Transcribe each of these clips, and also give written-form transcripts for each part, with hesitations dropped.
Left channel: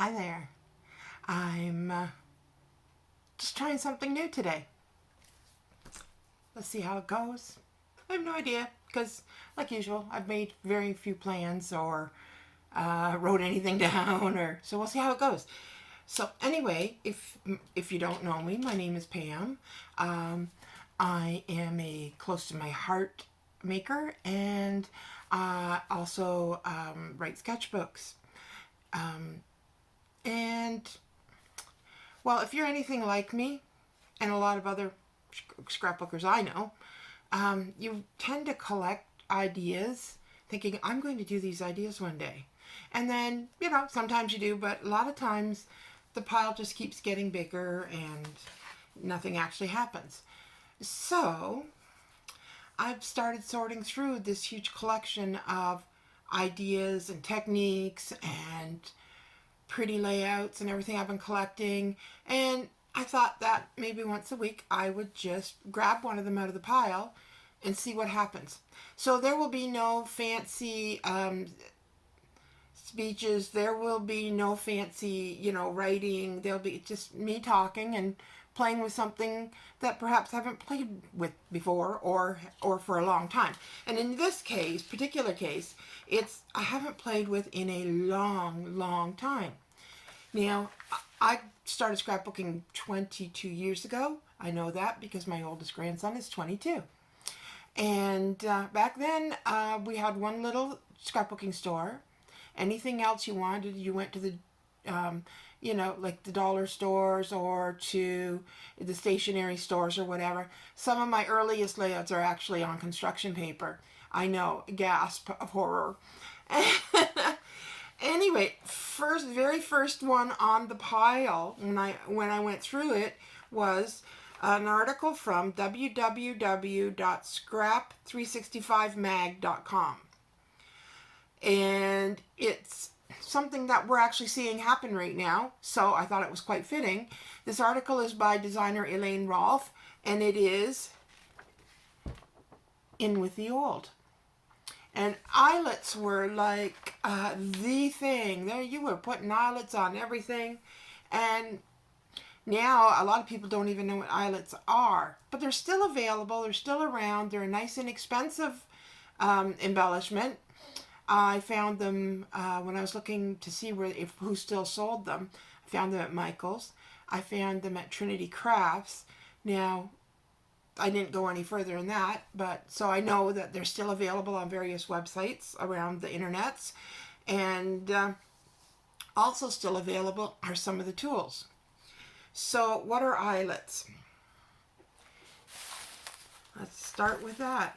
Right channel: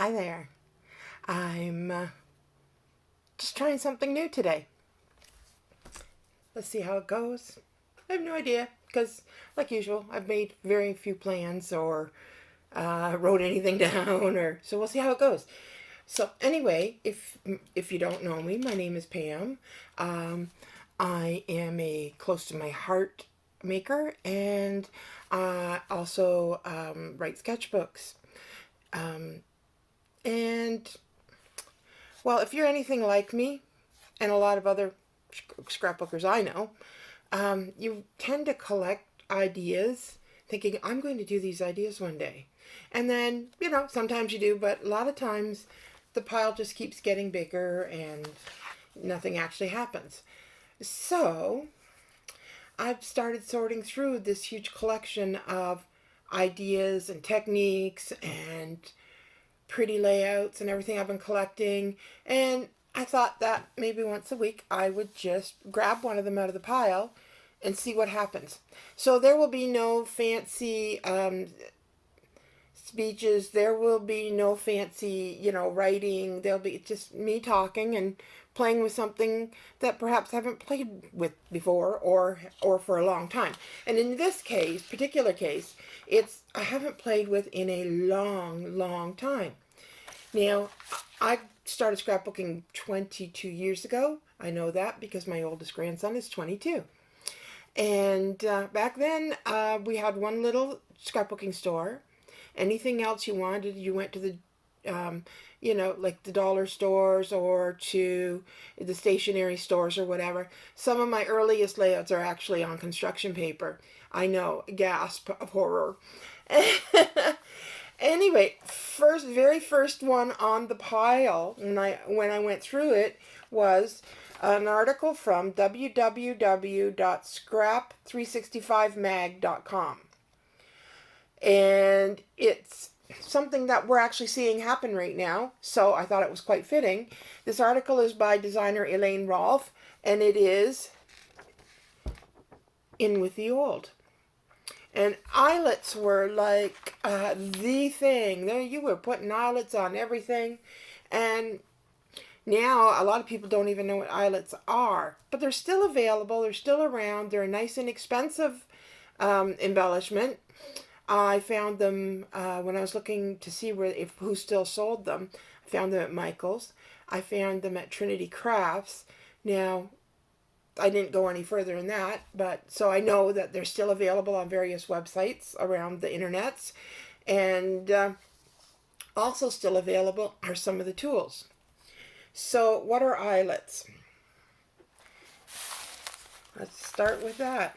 Hi there. I'm just trying something new today. Let's see how it goes. I have no idea because, like usual, I've made very few plans or wrote anything down, or so we'll see how it goes. So anyway, if you don't know me, my name is Pam. I am a close to my heart maker, and also write sketchbooks. And well, if you're anything like me and a lot of other scrapbookers I know, you tend to collect ideas thinking, I'm going to do these ideas one day. And then, sometimes you do, but a lot of times the pile just keeps getting bigger and nothing actually happens. So I've started sorting through this huge collection of ideas and techniques and pretty layouts and everything I've been collecting, and I thought that maybe once a week I would just grab one of them out of the pile and see what happens. So there will be no fancy speeches, there will be no fancy, writing. There'll be just me talking and playing with something that perhaps I haven't played with before or for a long time. And in this particular case, it's I haven't played with in a long time. Now, I started scrapbooking 22 years ago. I know that because my oldest grandson is 22. And back then, we had one little scrapbooking store. Anything else you wanted, you went to the, like the dollar stores or to the stationery stores or whatever. Some of my earliest layouts are actually on construction paper. I know, gasp of horror. Anyway, very first one on the pile when I went through it was an article from www.scrap365mag.com. And it's something that we're actually seeing happen right now, so I thought it was quite fitting. This article is by designer Elaine Rolfe, and it is In With the Old. And eyelets were like the thing. There you were putting eyelets on everything. And now a lot of people don't even know what eyelets are. But they're still available. They're still around. They're a nice inexpensive embellishment. I found them when I was looking to see who still sold them. I found them at Michael's. I found them at Trinity Crafts. Now, I didn't go any further than that, but so I know that they're still available on various websites around the internets, and also still available are some of the tools. So what are eyelets? Let's start with that.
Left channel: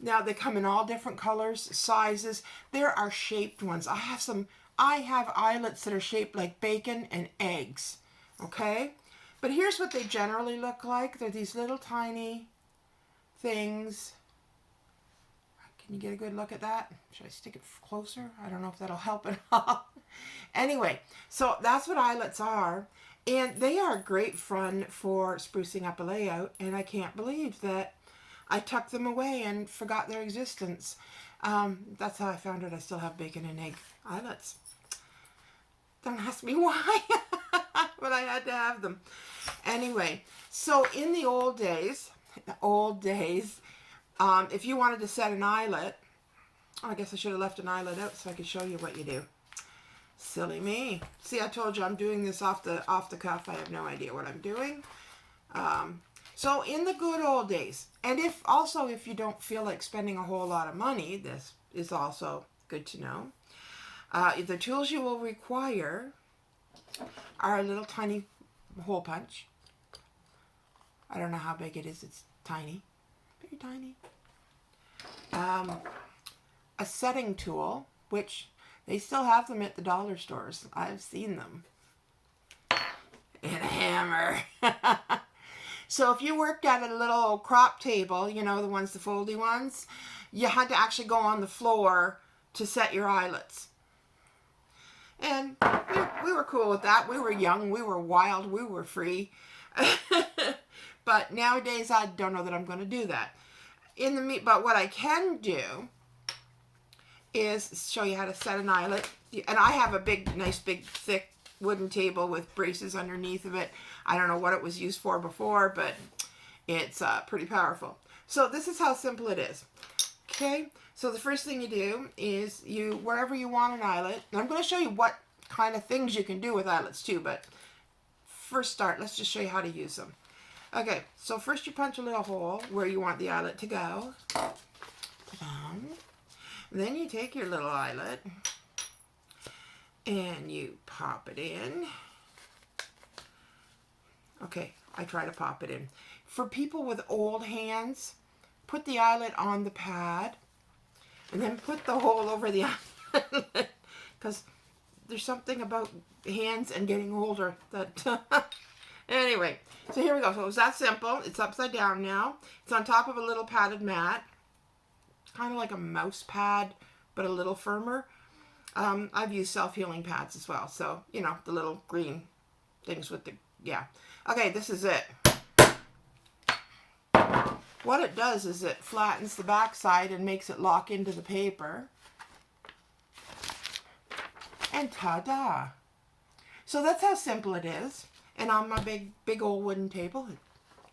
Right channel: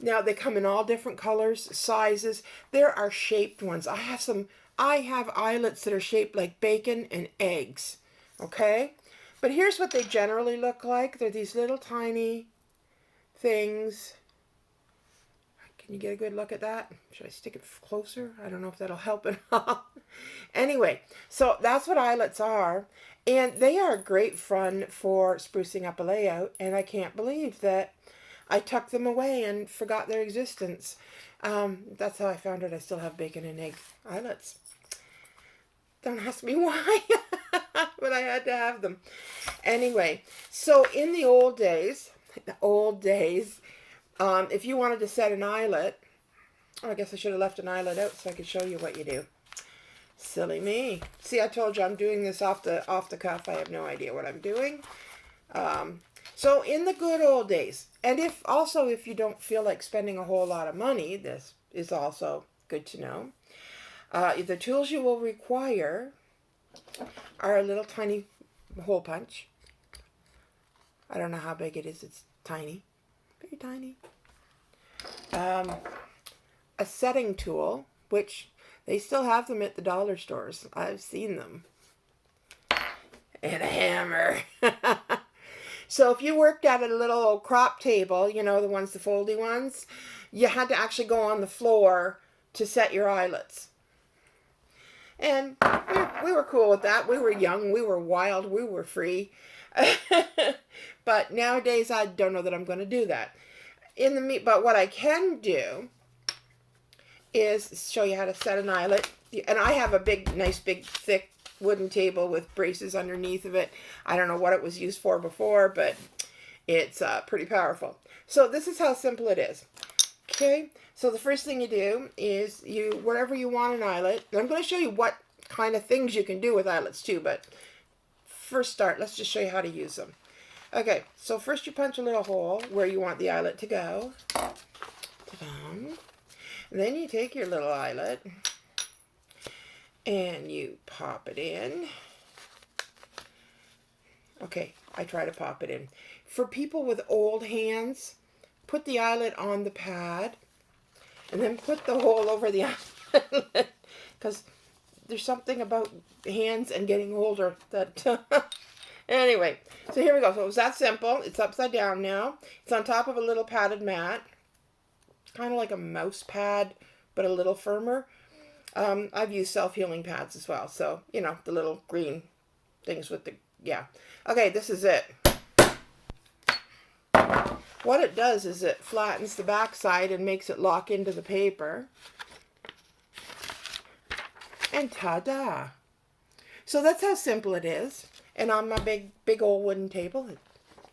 Now they come in all different colors, sizes. There are shaped ones. I have eyelets that are shaped like bacon and eggs. Okay? But here's what they generally look like. They're these little tiny things. Can you get a good look at that? Should I stick it closer? I don't know if that'll help at all. Anyway, so that's what eyelets are. And they are great fun for sprucing up a layout. And I can't believe that I tucked them away and forgot their existence. That's how I found it. I still have bacon and egg eyelets. Don't ask me why, but I had to have them. Anyway, so in the old days, if you wanted to set an eyelet, I guess I should have left an eyelet out so I could show you what you do. Silly me. See, I told you I'm doing this off the cuff. I have no idea what I'm doing. So in the good old days, and if you don't feel like spending a whole lot of money, this is also good to know. The tools you will require are a little tiny hole punch. I don't know how big it is. It's tiny. Very tiny. A setting tool, which they still have them at the dollar stores. I've seen them. And a hammer. So if you worked at a little crop table, the foldy ones, you had to actually go on the floor to set your eyelets. And we were cool with that. We were young, we were wild, we were free. But nowadays, I don't know that I'm going to do that. But what I can do is show you how to set an eyelet. And I have a nice big thick wooden table with braces underneath of it. I don't know what it was used for before, but it's pretty powerful. So this is how simple it is. Okay, so the first thing you do is wherever you want an eyelet, and I'm going to show you what kind of things you can do with eyelets too, but first let's just show you how to use them. Okay, so first you punch a little hole where you want the eyelet to go. Then you take your little eyelet and you pop it in. Okay, I try to pop it in. For people with old hands, put the eyelet on the pad and then put the hole over the eyelet, because there's something about hands and getting older that anyway, so here we go. So it was that simple. It's upside down now. It's on top of a little padded mat, kind of like a mouse pad but a little firmer. I've used self-healing pads as well, so you know, the little green things with the, yeah. Okay, this is it. What it does is it flattens the back side and makes it lock into the paper. And ta-da! So that's how simple it is. And on my big old wooden table, it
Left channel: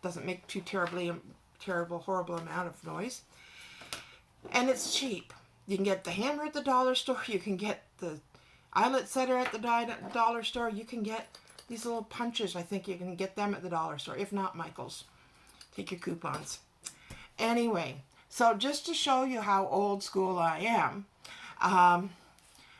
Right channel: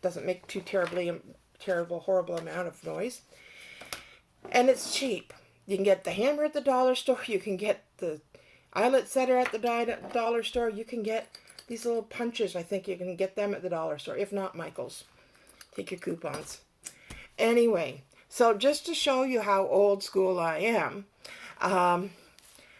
doesn't make too horrible amount of noise. And it's cheap. You can get the hammer at the dollar store. You can get the eyelet setter at the dollar store. You can get these little punches. I think you can get them at the dollar store. If not, Michael's. Take your coupons. Anyway, so just to show you how old school I am,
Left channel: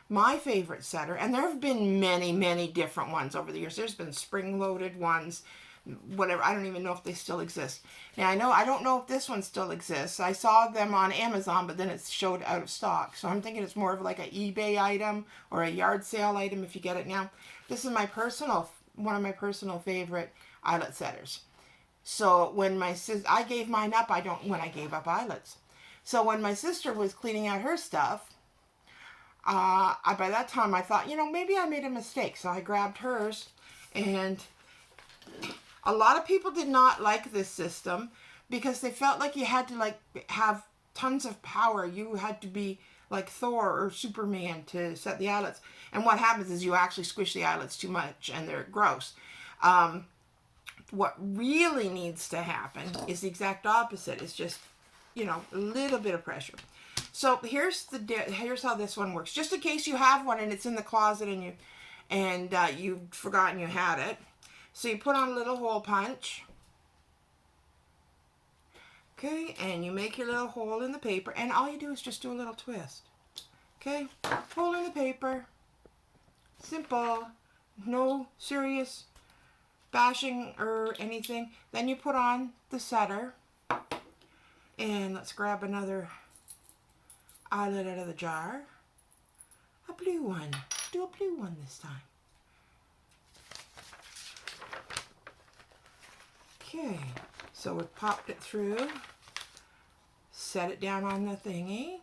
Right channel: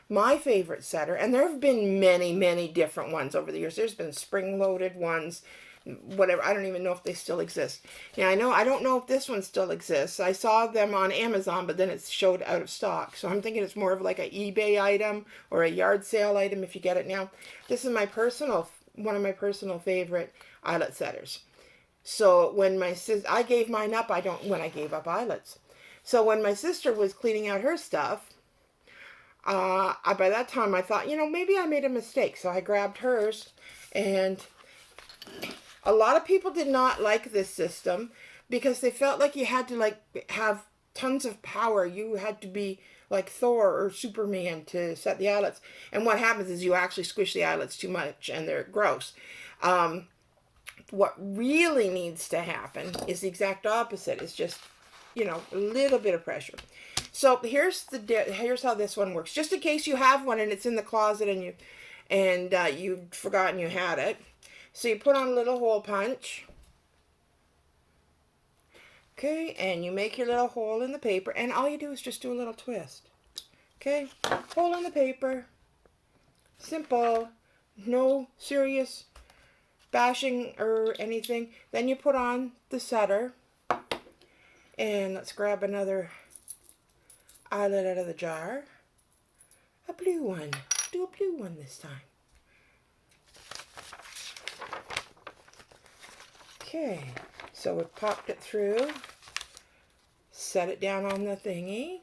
my favorite setter, and there have been many different ones over the years. There's been spring-loaded ones, whatever. I don't even know if they still exist. Yeah, I don't know if this one still exists. I saw them on Amazon, but then it showed out of stock. So I'm thinking it's more of like an eBay item or a yard sale item if you get it now. This is one of my personal favorite eyelet setters. So when I gave mine up, when I gave up eyelets. So when my sister was cleaning out her stuff, by that time I thought, maybe I made a mistake. So I grabbed hers, and a lot of people did not like this system because they felt like you had to have tons of power. You had to be like Thor or Superman to set the eyelets. And what happens is you actually squish the eyelets too much and they're gross. What really needs to happen is the exact opposite. It's just, a little bit of pressure. So here's how this one works. Just in case you have one and it's in the closet and you've forgotten you had it. So you put on a little hole punch. Okay, and you make your little hole in the paper, and all you do is just do a little twist. Okay, hole in the paper. Simple. No serious bashing or anything. Then you put on the setter, and let's grab another eyelet out of the jar. A blue one. Do a blue one this time. Okay, so we popped it through, set it down on the thingy,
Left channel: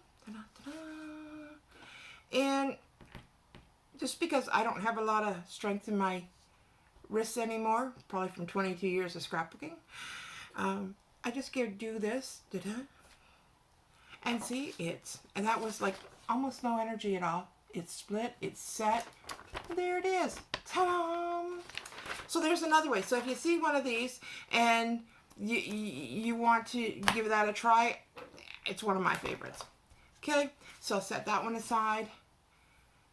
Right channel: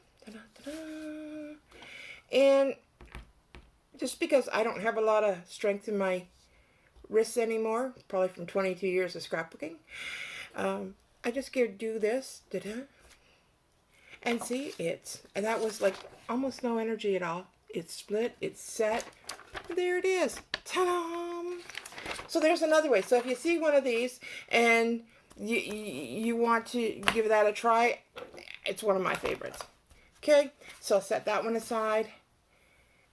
and just because I don't have a lot of strength in my wrists anymore, probably from 22 years of scrapbooking, I just do this, and see, and that was like almost no energy at all. It's split, it's set, there it is, ta-da! So there's another way. So if you see one of these and you want to give that a try, it's one of my favorites. Okay, so set that one aside.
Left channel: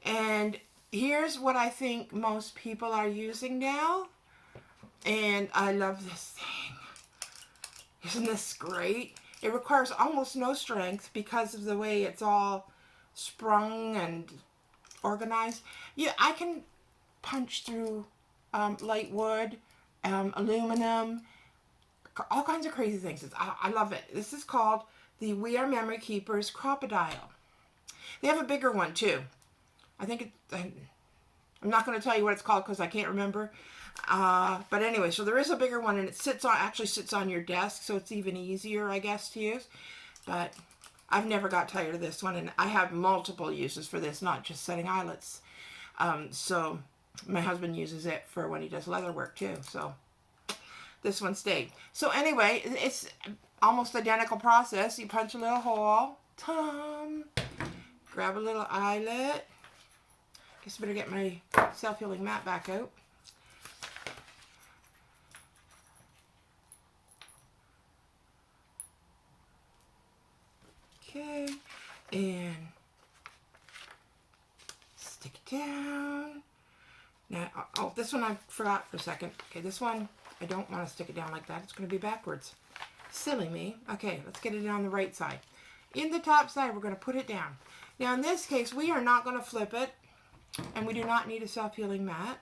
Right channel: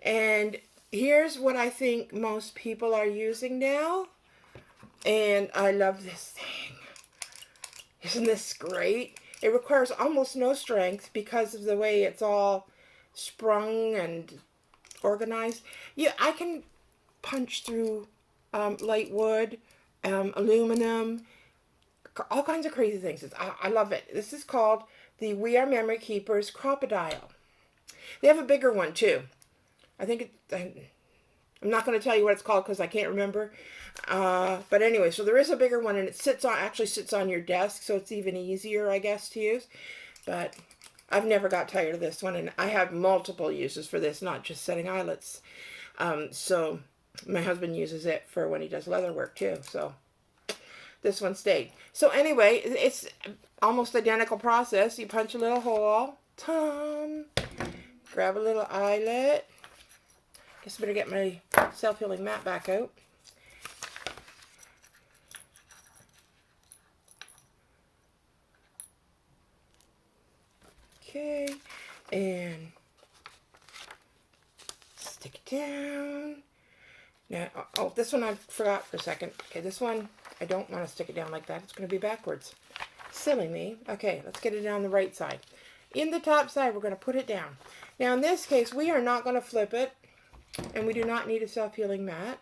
And here's what I think most people are using now. And I love this thing. Isn't this great? It requires almost no strength because of the way it's all sprung and organized. Yeah, I can punch through light wood, aluminum, all kinds of crazy things. I love it. This is called the We Are Memory Keepers Crocodile. They have a bigger one too. I think I'm not going to tell you what it's called because I can't remember. But anyway, so there is a bigger one, and it actually sits on your desk, so it's even easier, I guess, to use. But I've never got tired of this one, and I have multiple uses for this, not just setting eyelets. So my husband uses it for when he does leather work too. So this one stayed. So anyway, it's almost identical process. You punch a little hole, grab a little eyelet. Guess I better get my self-healing mat back out. Okay, and stick it down. Now, oh, this one I forgot for a second. Okay, this one, I don't want to stick it down like that. It's going to be backwards. Silly me. Okay, let's get it down the right side. In the top side, we're going to put it down. Now, in this case, we are not going to flip it, and we do not need a self-healing mat.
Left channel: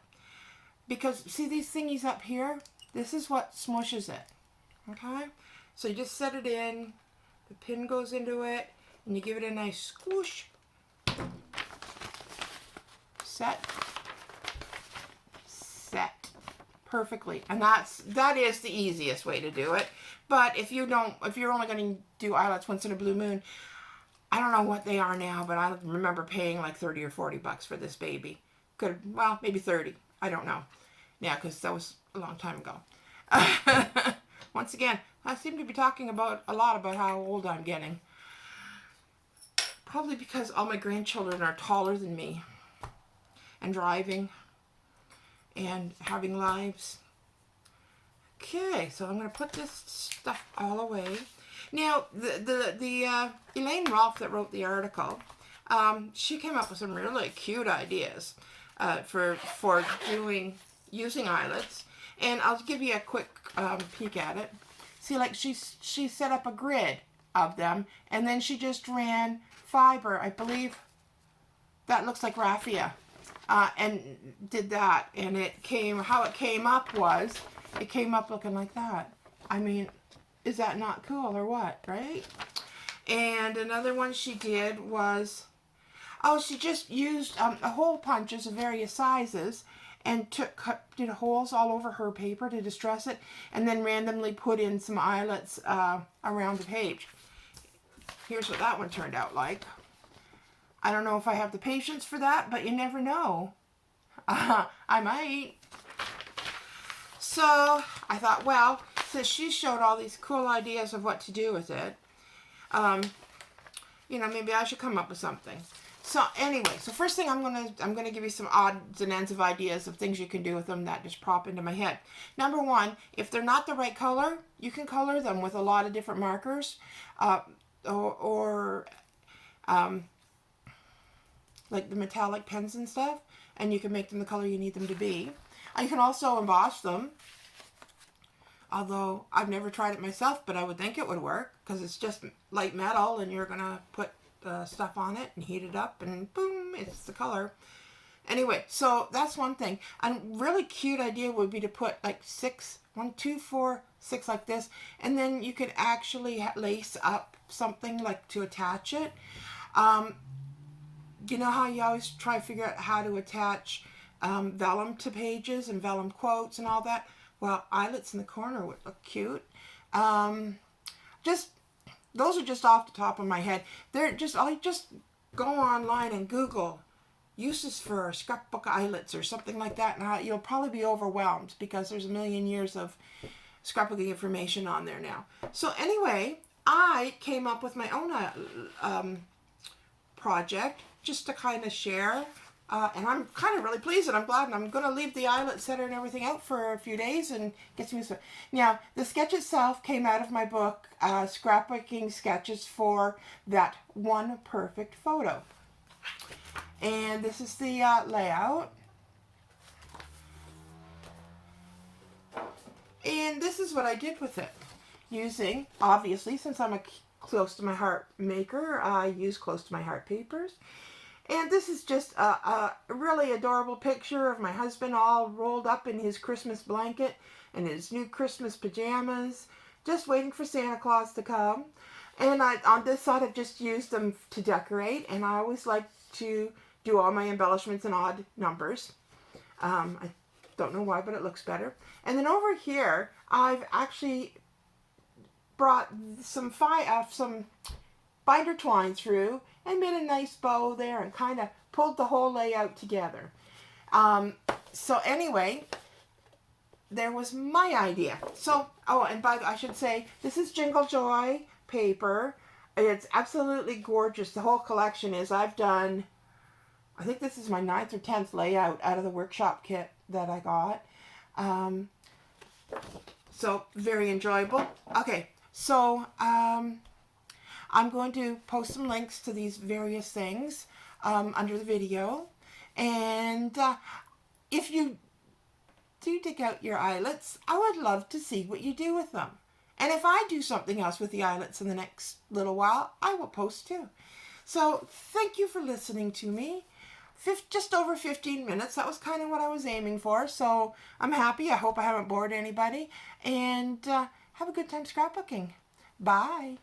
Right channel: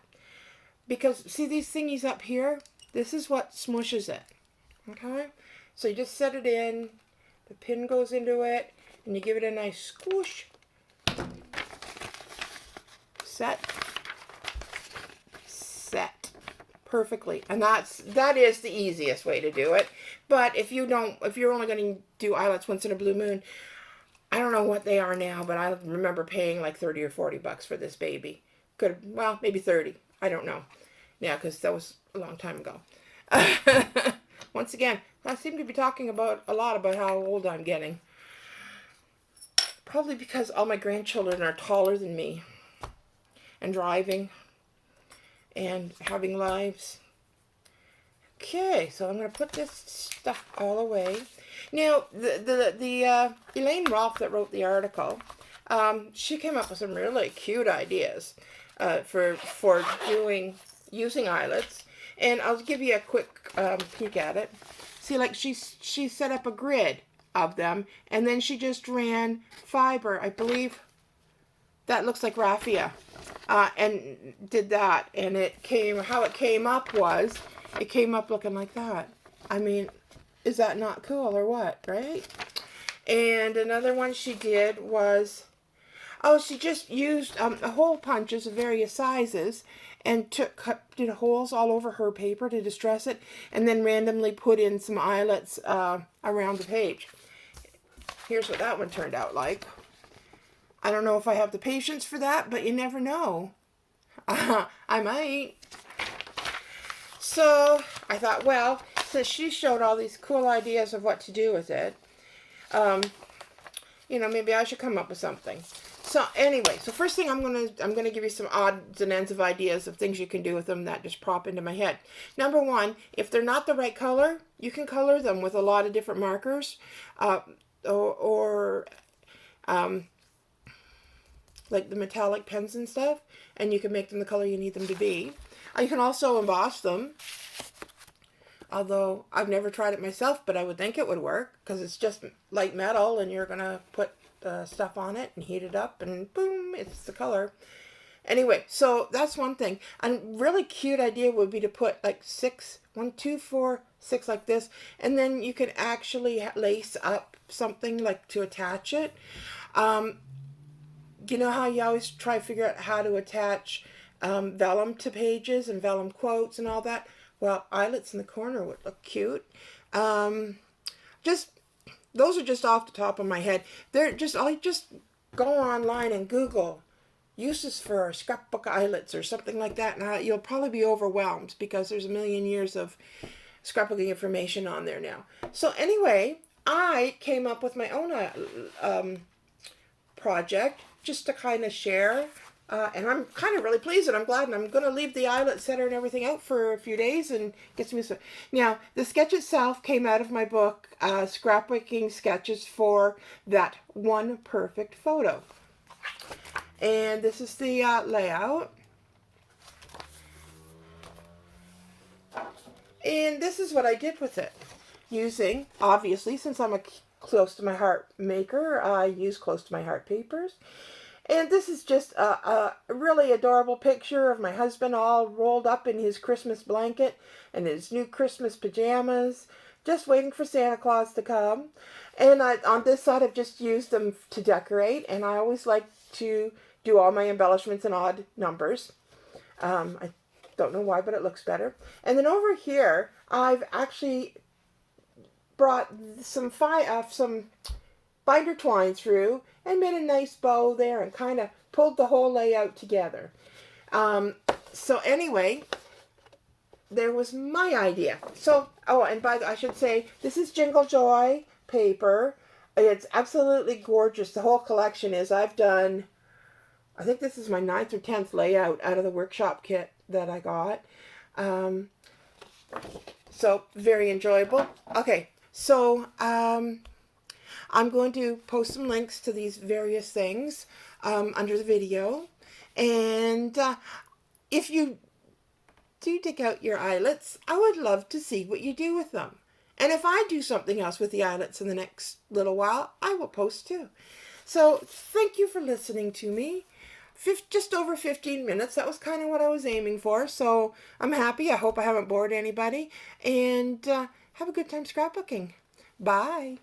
Because, see these thingies up here? This is what smushes it. Okay? So you just set it in, the pin goes into it, and you give it a nice squish. Set. Perfectly, and that is the easiest way to do it. But if you're only going to do eyelets once in a blue moon, I don't know what they are now, but I remember paying like 30 or 40 bucks for this baby. Well, maybe 30. I don't know. Yeah, because that was a long time ago. Once again, I seem to be talking a lot about how old I'm getting. Probably because all my grandchildren are taller than me and driving and having lives. Okay, so I'm going to put this stuff all away. Now, the Elaine Rolfe that wrote the article, she came up with some really cute ideas for using eyelets, and I'll give you a quick peek at it. See, like she set up a grid of them, and then she just ran fiber, I believe that looks like raffia. And did that, and how it came up was, it came up looking like that. I mean, is that not cool or what, right? And another one she did was, she just used hole punches of various sizes and did holes all over her paper to distress it, and then randomly put in some eyelets around the page. Here's what that one turned out like. I don't know if I have the patience for that, but you never know. I might. So I thought, well, since she showed all these cool ideas of what to do with it, maybe I should come up with something. So anyway, so first thing I'm gonna give you some odds and ends of ideas of things you can do with them that just pop into my head. Number one, if they're not the right color, you can color them with a lot of different markers, like the metallic pens and stuff, and you can make them the color you need them to be. You can also emboss them, although I've never tried it myself, but I would think it would work, because it's just light metal, and you're going to put stuff on it and heat it up, and boom, it's the color. Anyway, so that's one thing. A really cute idea would be to put like 6, 1, 2, 4, 6 like this, and then you could actually lace up something like to attach it. You know how you always try to figure out how to attach vellum to pages and vellum quotes and all that? Well, eyelets in the corner would look cute. Those are just off the top of my head. I just go online and Google uses for scrapbook eyelets or something like that, and you'll probably be overwhelmed because there's a million years of scrapbooking information on there now. So anyway, I came up with my own project just to kind of share, and I'm kind of really pleased, and I'm glad, and I'm going to leave the eyelet setter and everything out for a few days and get some stuff. Now, the sketch itself came out of my book, Scrapbooking Sketches for That One Perfect Photo. And this is the layout. And this is what I did with it. Using, obviously, since I'm a close to my heart maker, I use close to my heart papers. And this is just a really adorable picture of my husband all rolled up in his Christmas blanket and his new Christmas pajamas, just waiting for Santa Claus to come. And on this side, I've just used them to decorate, and I always like to do all my embellishments in odd numbers. I don't know why, but it looks better. And then over here, I've actually brought some binder twine through and made a nice bow there and kind of pulled the whole layout together. So anyway, there was my idea. So, and I should say, this is Jingle Joy paper. It's absolutely gorgeous. The whole collection is. I've done, I think this is my 9th or 10th layout out of the workshop kit that I got. So very enjoyable. Okay, so I'm going to post some links to these various things under the video. And if you do dig out your eyelets, I would love to see what you do with them. And if I do something else with the eyelets in the next little while, I will post too. So thank you for listening to me. Just over 15 minutes. That was kind of what I was aiming for. So I'm happy. I hope I haven't bored anybody. And have a good time scrapbooking. Bye.